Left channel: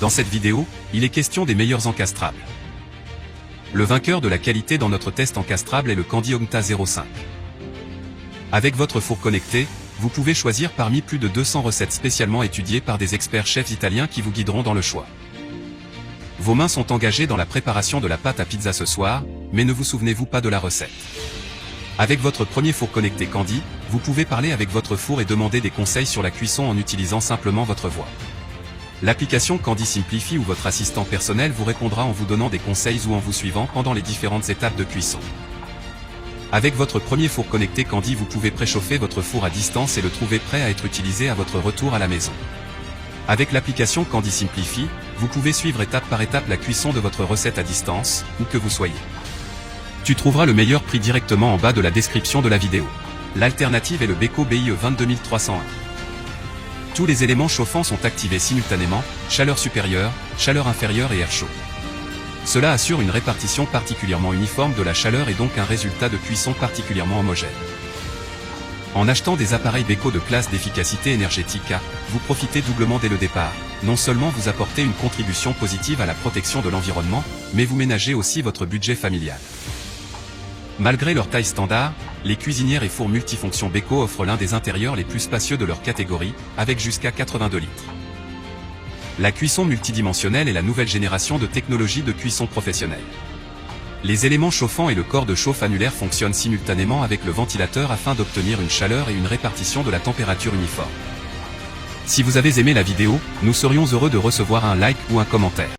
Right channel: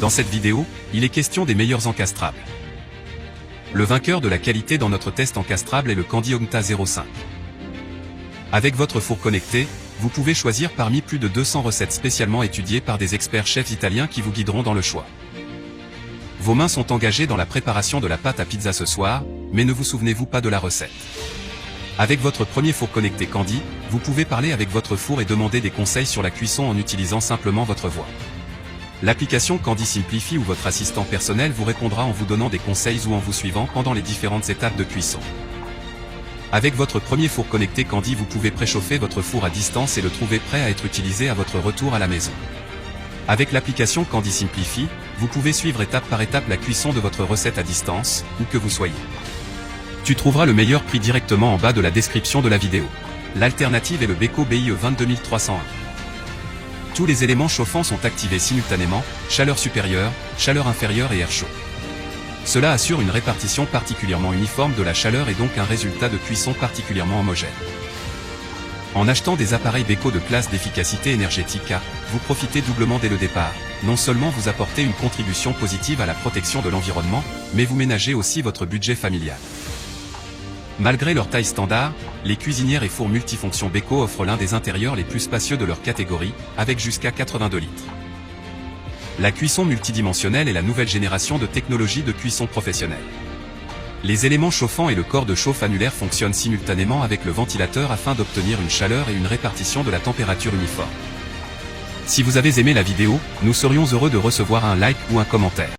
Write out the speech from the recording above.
Dans cette vidéo, il est question des meilleurs encastrables. Le vainqueur de la qualité dans notre test encastrable est le Candy Omta 05. Avec votre four connecté, vous pouvez choisir parmi plus de 200 recettes spécialement étudiées par des experts chefs italiens qui vous guideront dans le choix. Vos mains sont engagées dans la préparation de la pâte à pizza ce soir, mais ne vous souvenez-vous pas de la recette. Avec votre premier four connecté Candy, vous pouvez parler avec votre four et demander des conseils sur la cuisson en utilisant simplement votre voix. L'application Candy Simplify ou votre assistant personnel vous répondra en vous donnant des conseils ou en vous suivant pendant les différentes étapes de cuisson. Avec votre premier four connecté Candy, vous pouvez préchauffer votre four à distance et le trouver prêt à être utilisé à votre retour à la maison. Avec l'application Candy Simplify, vous pouvez suivre étape par étape la cuisson de votre recette à distance, où que vous soyez. Tu trouveras le meilleur prix directement en bas de la description de la vidéo. L'alternative est le Beko BIE 22301. Tous les éléments chauffants sont activés simultanément, chaleur supérieure, chaleur inférieure et air chaud. Cela assure une répartition particulièrement uniforme de la chaleur et donc un résultat de cuisson particulièrement homogène. En achetant des appareils Beko de classe d'efficacité énergétique A, vous profitez doublement dès le départ. Non seulement vous apportez une contribution positive à la protection de l'environnement, mais vous ménagez aussi votre budget familial. Malgré leur taille standard, les cuisinières et fours multifonctions Beko offrent l'un des intérieurs les plus spacieux de leur catégorie, avec jusqu'à 82 litres. La cuisson multidimensionnelle est la nouvelle génération de technologies de cuisson professionnelle. Les éléments chauffants et le corps de chauffe annulaire fonctionnent simultanément avec le ventilateur afin d'obtenir une chaleur et une répartition de la température uniforme. Si vous avez aimé la vidéo, nous serions heureux de recevoir un like ou un commentaire.